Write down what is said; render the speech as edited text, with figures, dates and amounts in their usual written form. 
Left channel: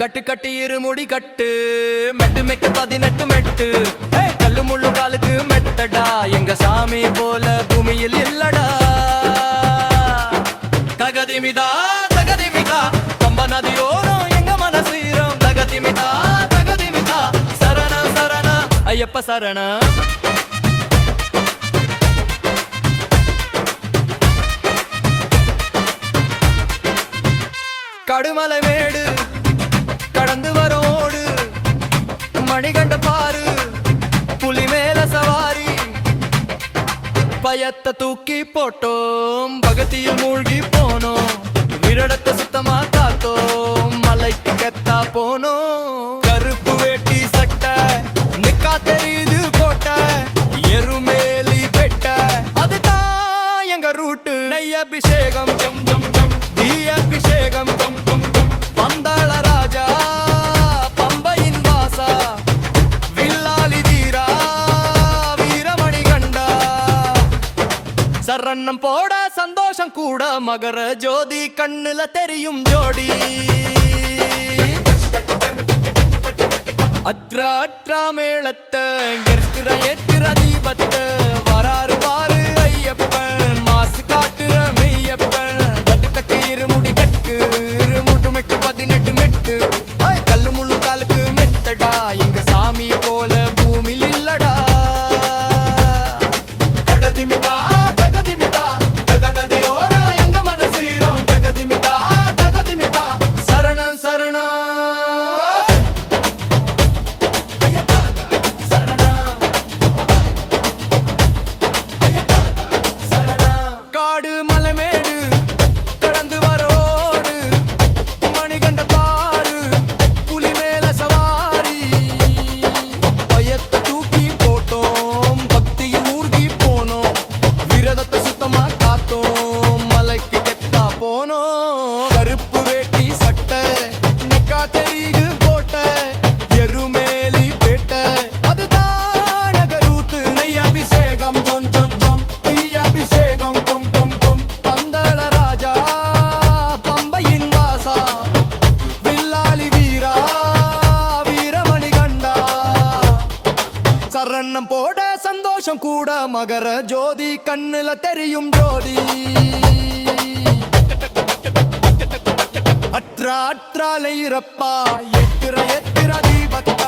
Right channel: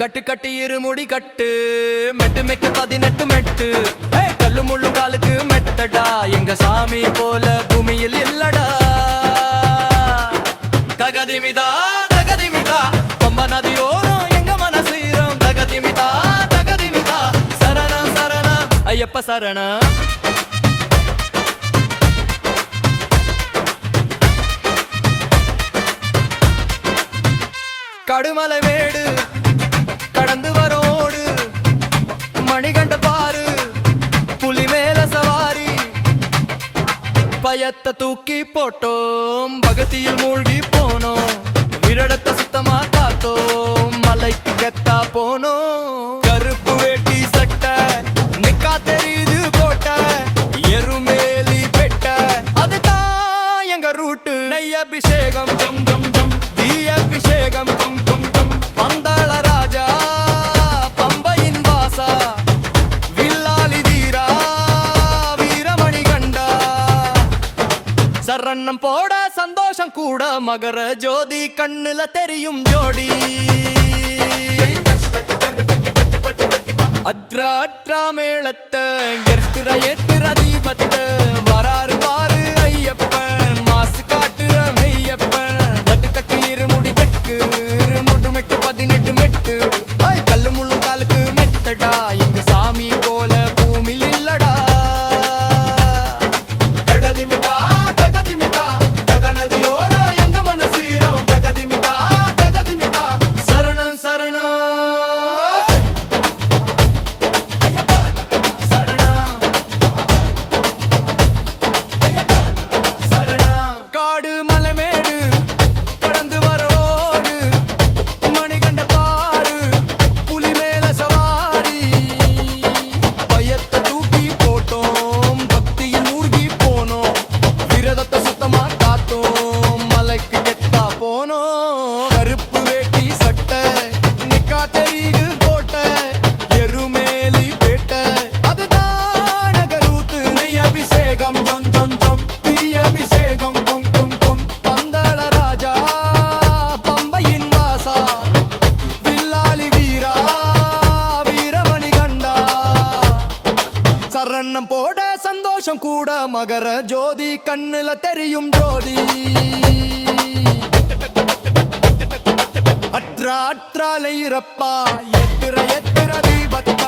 கட்டு கட்டி இருமுடி கட்டு மெட்டு மெட்டு 18 மெட்டு கல்லு முள்ளு காலுக்கு மெத்தடா எங்க சாமி போல பூமியில் இல்லடா தகதிமிதா தகதிமிதா பம்ப நதியோரம் எங்க மனசீரம் தகதிமிதா தகதிமிதா சரண சரண ஐயப்ப சரண கடுமலை மேடு கடந்து வரோடு மணிகண்ட பாரு புலி மேல சவாரி பயத்தை தூக்கி போட்டோம் பகத்தியில் மூழ்கி போனோம் விரடத்தை சுத்தமா காத்தோம் மலைக்கு கெத்தா போனோம் கருப்பு வேட்டி சட்டை நிக்கா தெரியுது கோட்டை எருமேலி பெட்ட அதுதான் எங்க ரூட்டு நெய் அபிஷேகம் ஜம் ஜம் ஜம் தீ அபிஷேகம் கும் கும் கும் பந்தாள ராஜா பம்பையின் வாசா வில்லாலி வீரா வீரமணி கண்டா சரணம் போட சந்தோஷம் கூட மகர ஜோதி கண்ணுல தெரியும் ஜோடி அத்ரா அத்ரா மேளத்தை எத்திர எத்திர தீபத்தை வராறு பாரு ஐயப்பன் மாசு காட்டுற மெய்யப்பன் கட்டு கட்டி இருமுடி கட்டு இருமுடு மெட்டு 18 மெட்டு கல்லு முள்ளும் காலுக்கு மெத்தடா எங்க சாமி போல பூமியில் இல்லடா தகதிமிதா தகதிமிதா தகநதியோர எங்க மனசீரம் தகதிமிதா தகதிமிதா சரணம் சரணம் காடு மலைமேடு கடந்து வரோடு மணிகண்ட பாரு புலி மேல சவாரி பயத்தை தூக்கி போட்டோம் பக்தியில் மூழ்கி போனோம் விரதத்தை சுத்தமா காத்தோம் மலைக்கு கெத்தா போனோம் கருப்பு வேட்டி சட்டை நெக்கா தெரியுது கோட்டை எருமேலி பேட்டை அதுதான் நகரூத்து நெய் அபிஷேகம் ஜொன் ஜொன் ஜொன் தீ அபிஷேகம் கும் கும் கும் பந்தள ராஜா பம்பையின் வாசா வில்லாலி வீரா வீரமணி கண்டா சரணம் போட சந்தோஷம் கூட மகர ஜோதி கண்ணுல தெரியும் ஜோதி அற்றாலைரப்பா எத்திர எத்திர தீபத்த